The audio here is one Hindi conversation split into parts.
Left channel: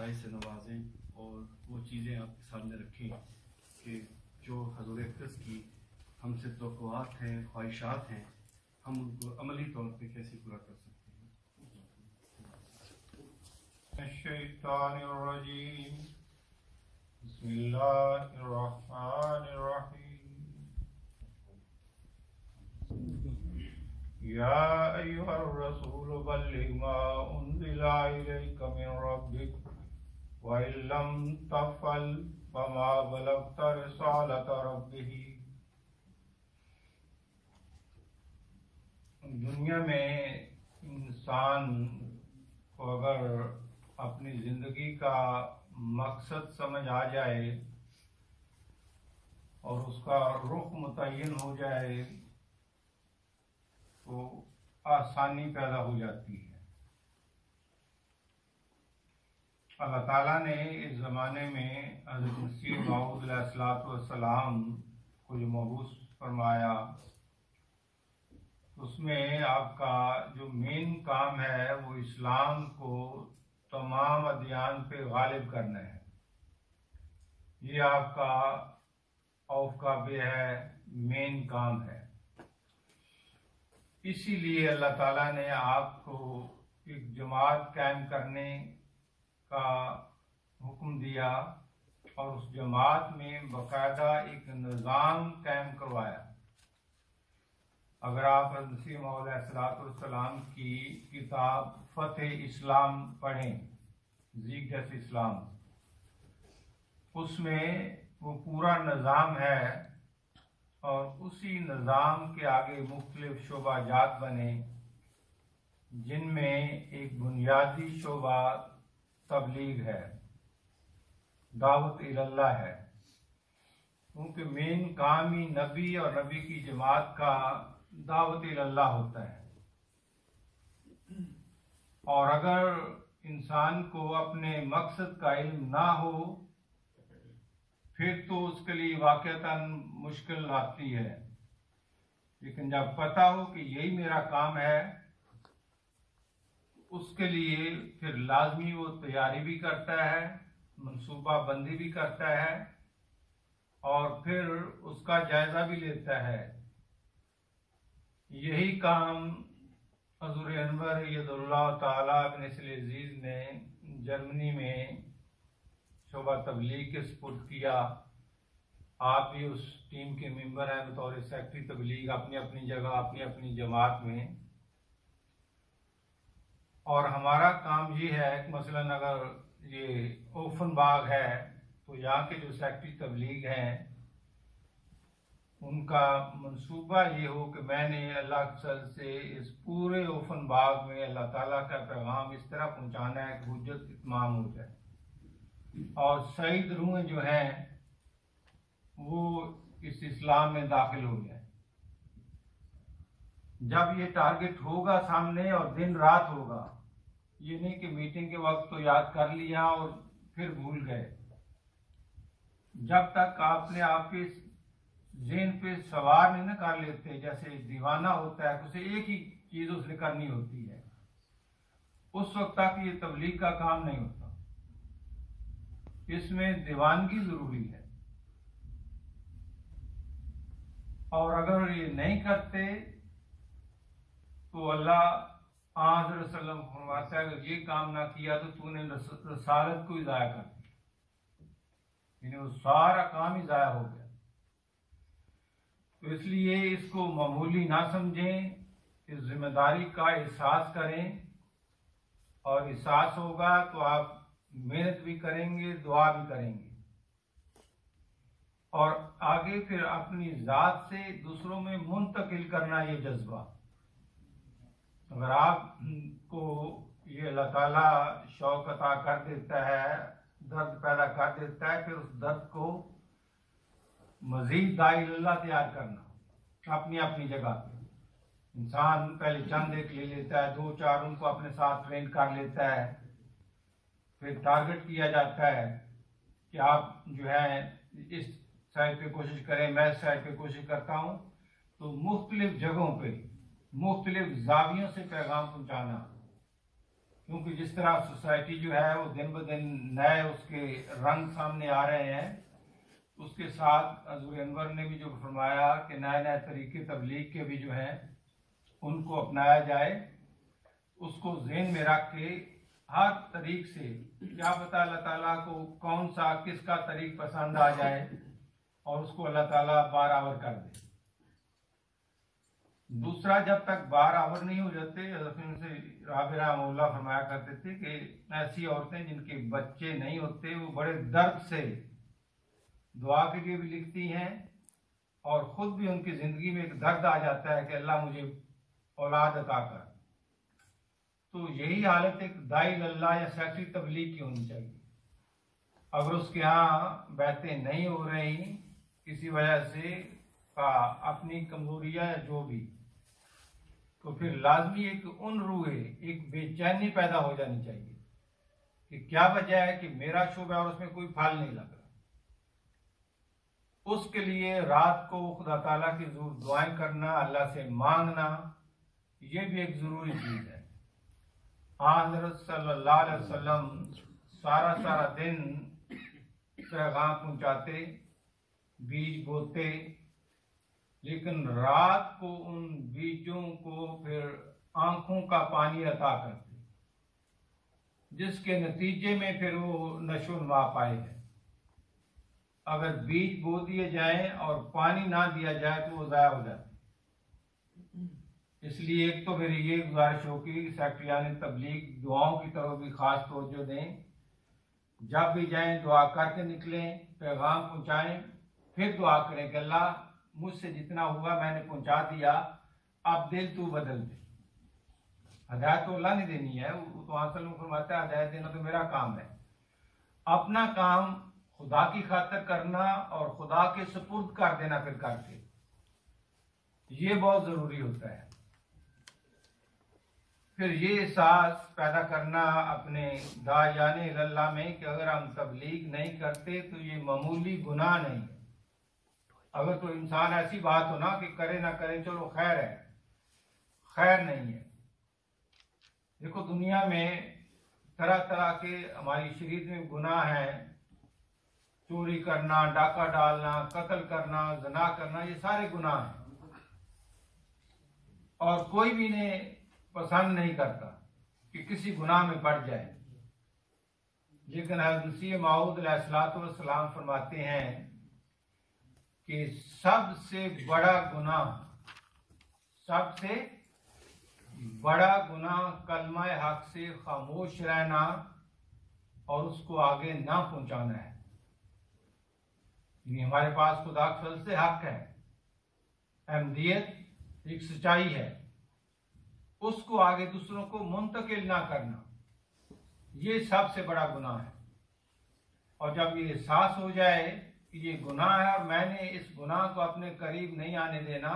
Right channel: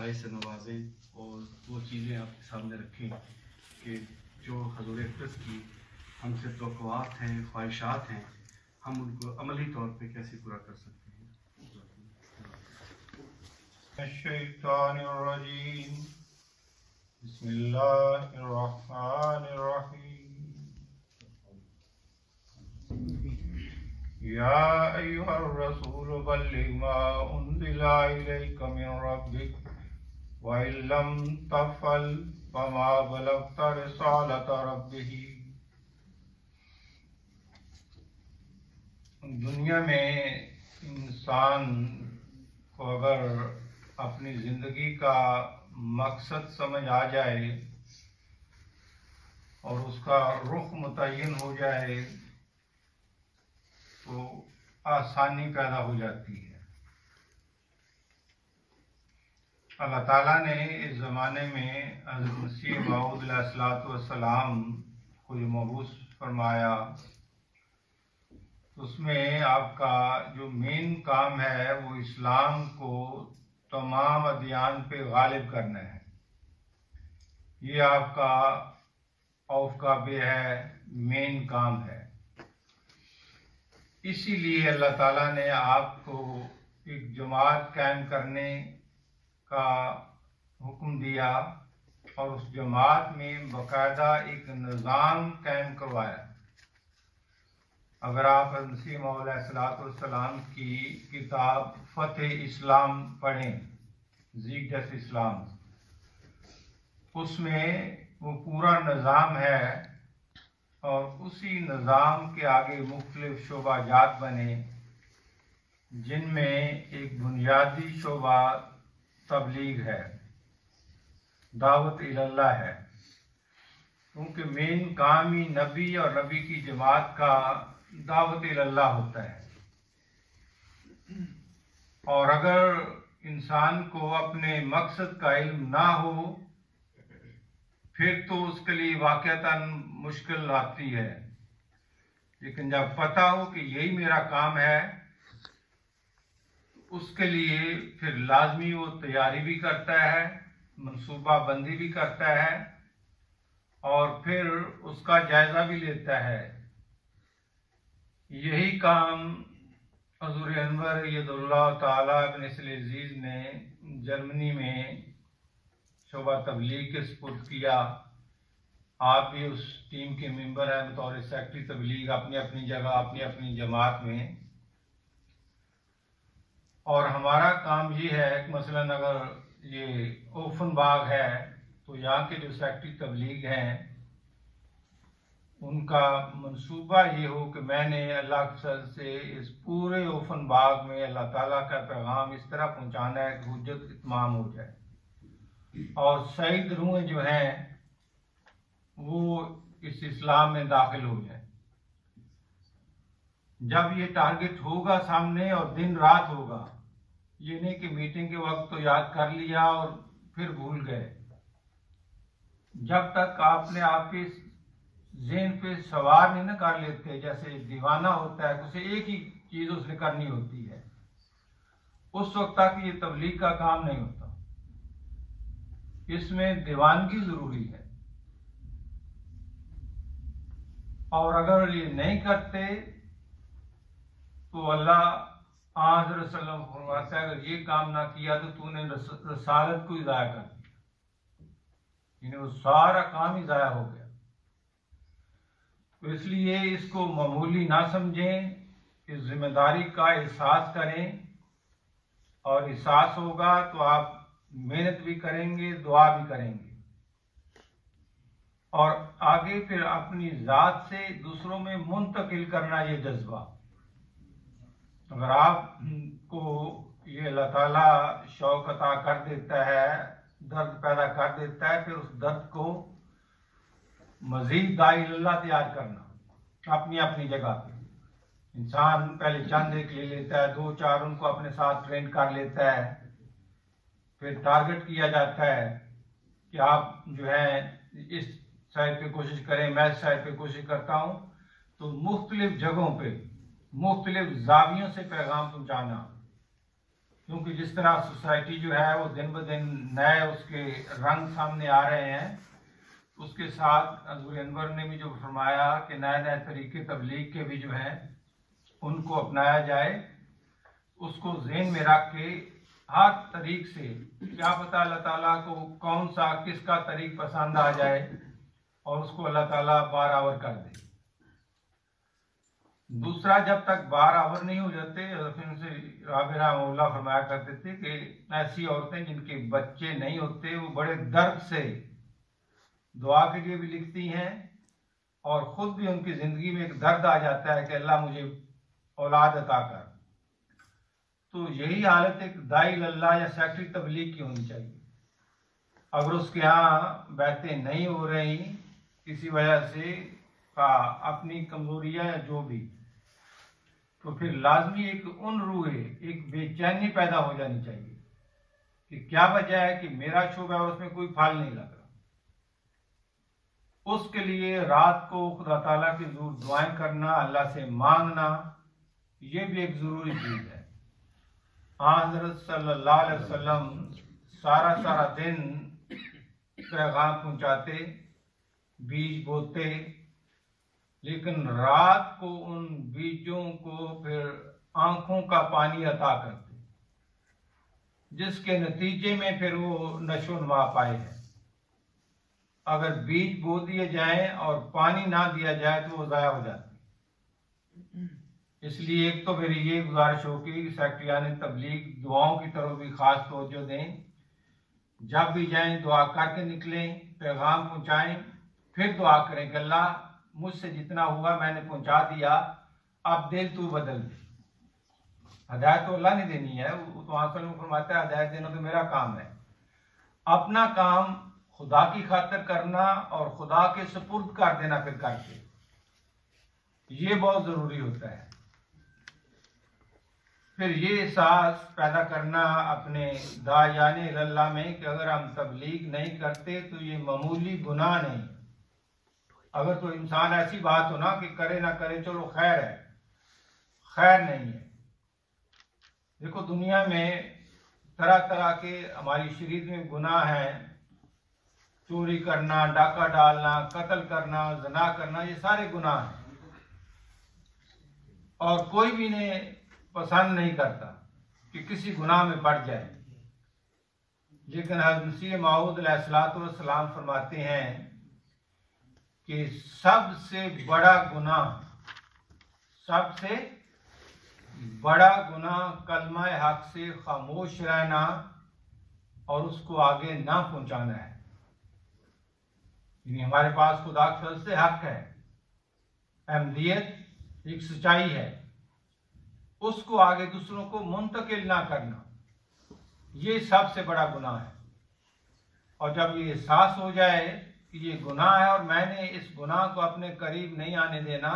मसाइल से नवाजें और वो चीज़ें आपके सामने रखें कि जो हज़ूर अक़दस की हमसे तवक्कुआत हैं, ख्वाहिशात हैं, हम उनको अमली तौर पे कैसे पूरा कर सकते हैं। अश्शैतानिर्रजीम बिस्मिल्लाहिर्रहमानिर्रहीम या अय्युहर रसूल बल्लिग मा उन्ज़िला इलैका मिन रब्बिक व इल्लम तफ़अल फमा बलग़ता रिसालता रब्बिक। दुनिया में इंसान को अगर अपनी ज़िंदगी का मकसद समझ आ जाए और उसका रुख मुतय्यन हो जाए तो आसानी पैदा हो जाती है। अल्लाह ताला ने इस ज़माने में हज़रत मसीह मऊद अलैहिस्सलाम को जो मबूस फरमाया, उसमें आपका जो मेन काम है वो इस्लाम को तमाम अदियान पे गालिब करना है। ये आपका औफ का बे है, मेन काम है। इसीलिए अल्लाह ताला ने आपको एक जमात कायम करने का हुक्म दिया और उस जमात में बाकायदा एक निज़ाम कायम करवाया। अगर आप मसीह मौद अलैहिस्सलाम की किताब फ़तह इस्लाम पढ़ें, ज़ीक़त इस्लाम, उसमें वो पूरा निज़ाम है और उसी निज़ाम के आगे मुख्तलिफ शोबाजात बने, जिनमें एक बुनियादी शोबा तबलीग है, दावत इलल्लाह है। क्योंकि मेन काम ही नबी और नबी की जमात का दावत इलल्लाह होता है। और अगर इंसान को अपने मकसद का इल्म ना हो फिर तो उसके लिए वाक़अतन मुश्किल आती है। लेकिन जब पता हो कि यही मेरा काम है, उसके लिए फिर लाजमी वो तैयारी भी करता है, मनसूबा बंदी भी करता है और फिर उसका जायज़ा भी लेता है। यही काम हज़ूर अनवर यदुल्लाह ताला बिन अज़ीज़ ने जर्मनी में शोबा तबलीग के सुपुर्द किया। आप भी उस टीम के मेंबर हैं बतौर सेक्रेटरी तबलीग, अपनी अपनी जगह, अपनी अपनी जमात में। और हमारा काम ये है कि मसलन अगर ये ओफनबाग है तो यहाँ के जो सेक्रेटरी तबलीग हैं उनका मंसूबा ये हो कि मैंने अल्लाह के फज़ल से इस पूरे ओफन बाग में अल्लाह ताला का पैगाम इस तरह पहुँचाना है कि हुज्जत इत्माम हो जाए और शहीद रूहें जो हैं वो इस इस्लाम में दाखिल हो जाए। जब ये टारगेट होगा सामने और दिन रात होगा, ये नहीं कि मीटिंग के वक्त तो याद कर लिया और फिर भूल गए। जब तक आपने आपके ज़हन पे सवार नहीं ना कर लेते, जैसे दीवाना होता है, उसे एक ही चीज़ उसने करनी होती है, उस वक्त तक ये तबलीग का काम नहीं होता। इसमें दीवानगी ज़रूरी है। और अगर ये नहीं करते तो अल्लाह हज़रत सल्लल्लाहु अलैहि वसल्लम फरमाता है अगर ये काम ना किया तो तूने रसालत को ही ज़ाया कर दिया, यानी वो सारा काम ही ज़ाया हो गया। तो इसलिए इसको मामूली ना समझें, इस जिम्मेदारी का एहसास करें और एहसास होगा तो आप मेहनत भी करेंगे, दुआ भी करेंगे और आगे फिर अपनी ज़ात से दूसरों में मुंतकिल करना ये जज्बा। अगर आपको ये अल्लाह ताला शौक अता कर देता है, दर्द पैदा कर देता है, फिर उस दर्द को मज़ीद दाइल्लाह तैयार करना अपनी अपनी जगह पे। इंसान पहले चंद एक ले लेता है, दो चार उनको अपने साथ ट्रेन कर लेता है, फिर टारगेट किया जाता है कि आप जो है इस साइड पे कोशिश करें, मैं इस साइड पे कोशिश करता हूँ। तो मुख्तलिफ जगहों पे मुख्तलिफ जावियों से पैगाम पहुँचाना क्योंकि जिस तरह सोसाइटी जो है वो दिन ब दिन नए उसके रंग सामने आ रहे हैं, उसके साथ हज़रत अनवर ने भी जो फरमाया कि नए नए तरीके तबलीग के भी जो हैं उनको अपनाया जाए, उसको ज़हन में रख के हर तरीक से, क्या पता अल्लाह ताला को कौन सा किसका तरीक पसंद आ जाए और उसको अल्लाह ताला बारावर कर दे। दूसरा, जब तक बारावर नहीं हो जाते, राबिया रहमहुल्लाह फरमाया करते थे कि ऐसी औरतें जिनके बच्चे नहीं होते वो बड़े दर्द से दुआ के लिए भी लिखती हैं और ख़ुद भी उनकी ज़िंदगी में एक दर्द आ जाता है कि अल्लाह मुझे औलाद अता कर। तो यही हालत एक दाई अल्लाह या सेक्रेटरी तबलीग की होनी चाहिए। अगर उसके यहाँ बैतें नहीं हो रही किसी वजह से का अपनी कमजोरियाँ या जो भी, तो फिर लाजमी एक रूहे, एक बेचैनी पैदा हो जानी चाहिए कि क्या वजह है कि मेरा शुभ है और उसमें कोई फल नहीं लग रहा। उसके लिए रात को खुदा ताला की ज़रूर दुआएं करना, अल्लाह से मांगना, ये भी एक ज़रूरी चीज़ है। हज़रत सल्लल्लाहु अलैहि वसल्लम सारा दिन पैगाम पहुंचाते, बीज बोते, लेकिन रात को उन बीजों को फिर आंखों का पानी अता करते, जिसके नतीजे में फिर वो नशो नमा पाए हैं। अगर बीज बो दिए जाएं और पानी ना दिया जाए तो वो ज़ाया हो जाते। इसलिए एक तो मेरी ये गुजारिश होगी कि सेक्रेटरियान तबलीग दुआओं की तरफ भी खास तवज्जो दें। जब भी जाएं दुआ करके निकलें, पैगाम पहुंचाएं, फिर दुआ करें कि अल्लाह मुझसे जितना हुआ मैंने पहुंचा दिया, अब दिल तू बदल दे। हदायत तो अल्लाह ने देनी है, वो तो आसल में फरमाता है हदायत देना तो मेरा काम है। अपना काम खुदा की खातिर करना और खुदा के सुपुर्द कर देना फिर करके, ये बहुत ज़रूरी होता है। फिर ये एहसास पैदा करना अपने दायाने अल्लाह में कि अगर हम तबलीग नहीं करते तो ये मामूली गुनाह नहीं। अगर तो इंसान ऐसी बात हो ना कि करे ना करे चलो खैर है, खैर नहीं है। देखो दुनिया में तरह तरह के हमारी शरीयत में गुनाह हैं, चोरी करना, डाका डालना, कत्ल करना, ज़ना करना, ये सारे गुनाह हैं और कोई भी इन्हें पसंद नहीं करता कि किसी गुनाह में पड़ जाए। लेकिन हज़रत मसीह मऊद अलैहिस्सलाम फरमाते हैं कि सबसे बड़ा गुनाह कलमा हक से खामोश रहना और उसको आगे ना पहुंचाना है। यानी हमारे पास खुदा के फजल से हक है, अहमदियत एक सच्चाई है, उसको आगे दूसरों को मुंतकिल ना करना, ये सबसे बड़ा गुनाह है। और जब ये एहसास हो जाए कि ये गुनाह है और मैंने इस गुनाह को अपने करीब नहीं आने देना,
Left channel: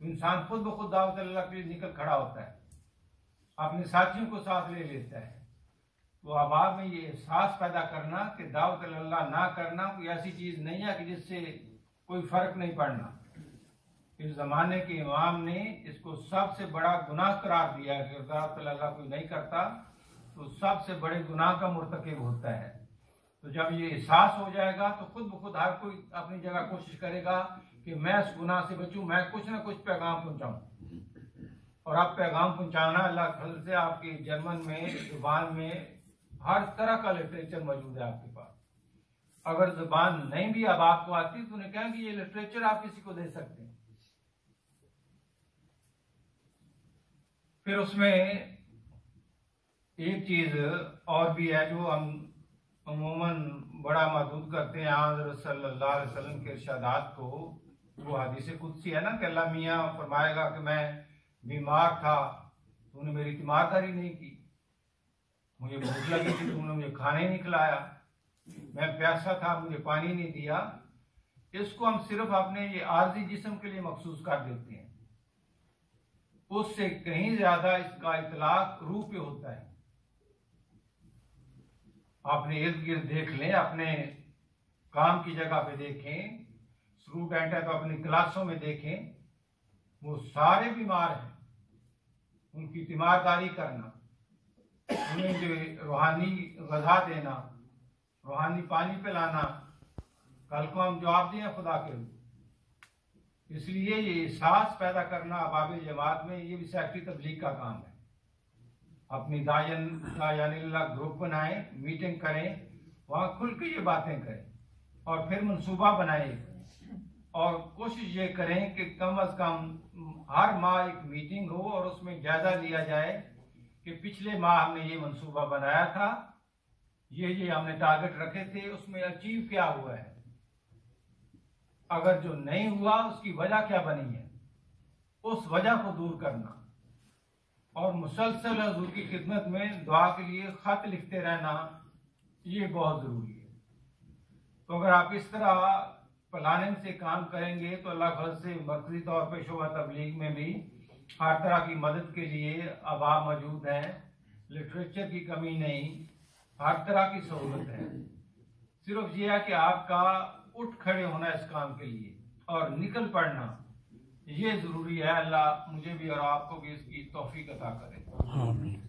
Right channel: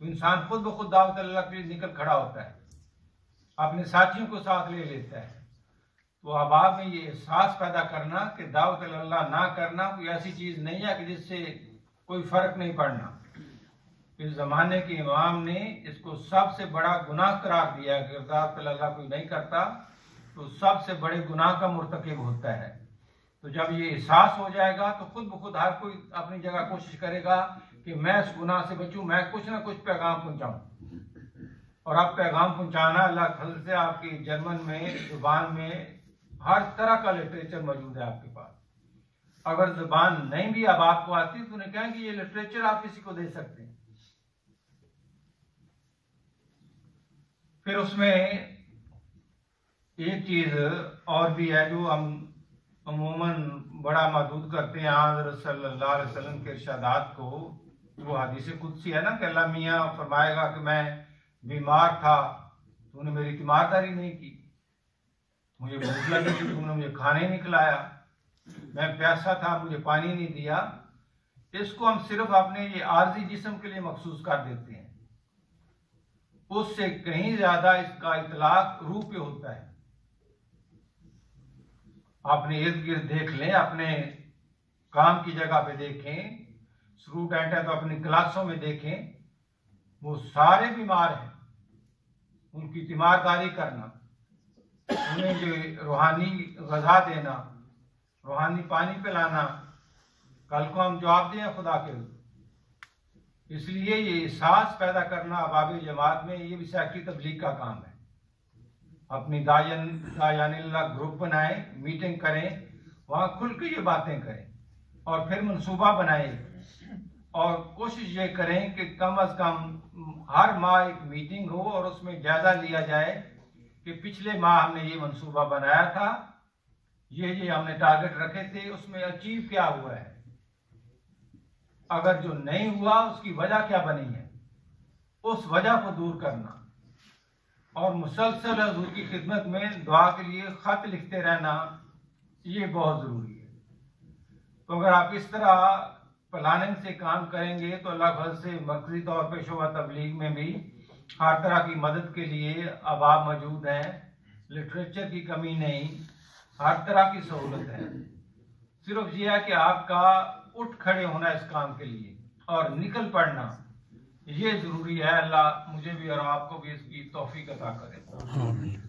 तो इंसान खुद ब खुद दावत अल्लाह के लिए निकल खड़ा होता है, अपने साथियों को साथ ले लेता है। तो अहबाब में ये एहसास पैदा करना कि दावत अल्लाह ना करना कोई ऐसी चीज़ नहीं है कि जिससे कोई फ़र्क नहीं पड़ना। इस ज़माने के इमाम ने इसको सबसे बड़ा गुनाह करार दिया कि दावत अल्लाह कोई नहीं करता तो सबसे बड़े गुनाह का मुर्तकिब होता है। तो जब ये एहसास हो जाएगा तो खुद ब खुद हर कोई अपनी जगह कोशिश करेगा कि मैं इस गुनाह से बचूं, मैं कुछ ना कुछ पैगाम पहुंचाऊं। और अब पैगाम पहुंचाना अल्लाह के फजल से आपकी जर्मन में जुबान में हर तरह का लिटरेचर मौजूद है आपके पास। अगर जुबान नहीं भी अब आपको आती तो उन्हें कहें कि ये लिटरेचर आप किसी को दे सकते हैं। फिर उसमें एक चीज़ और भी है जो हम अमूमन बड़ा महदूद करते हैं हज़रत सल्लल्लाहु अलैहि वसल्लम के इरशादात को। वो हदीस कुदसी है ना कि अल्लाह मियाँ फरमाएगा कि मैं बीमार था, तूने मेरी तीमारदारी नहीं की, मुझे भूख लगी थी, तुमने मुझे खाना ही नहीं खिलाया, मैं प्यासा था, मुझे पानी नहीं दिया। इसको हम सिर्फ अपने ये आर्जी जिस्म के लिए मखसूस कर देते हैं, उससे कहीं ज्यादा इसका इतलाक रूह पे होता है। अपने इर्द गिर्द देख लें, अपने काम की जगह पे देखें, स्टूडेंट है तो अपनी क्लासों में देखें, वो सारे बीमार हैं। उनकी तीमारदारी करना, उन्हें जो रूहानी ग़ज़ा देना, रूहानी पानी पिलाना, कल को हम जवाब दें खुदा के। इसलिए ये एहसास पैदा करना अबाब जमात में, ये भी सेक्रेटरी तबलीग का काम है। अपनी दायानिल्लाह ग्रुप बनाएं, मीटिंग करें, वहाँ खुल के ये बातें करें और फिर मंसूबा बनाएं और कोशिश ये करें कि कम अज़ कम हर माह एक मीटिंग हो और उसमें जायज़ा लिया जाए कि पिछले माह हमने ये मंसूबा बनाया था, ये हमने टारगेट रखे थे, उसमें अचीव क्या हुआ है, अगर जो नहीं हुआ उसकी वजह क्या बनी है, उस वजह को दूर करना और मुसलसल हुजूर की खिदमत में दुआ के लिए ख़त लिखते रहना, ये बहुत ज़रूरी है। तो अगर आप इस तरह प्लानिंग से काम करेंगे तो अल्लाह फजल से मरकज़ी तौर पर शोबा तबलीग में भी हर तरह की मदद के लिए अहबाब मौजूद हैं, लिटरेचर की कमी नहीं, हर तरह की सहूलत है। सिर्फ ये है कि आपका उठ खड़े होना इस काम के लिए और निकल पड़ना, ये ज़रूरी है। अल्लाह मुझे भी और आपको भी इसकी तौफीक अता करे। आमीन।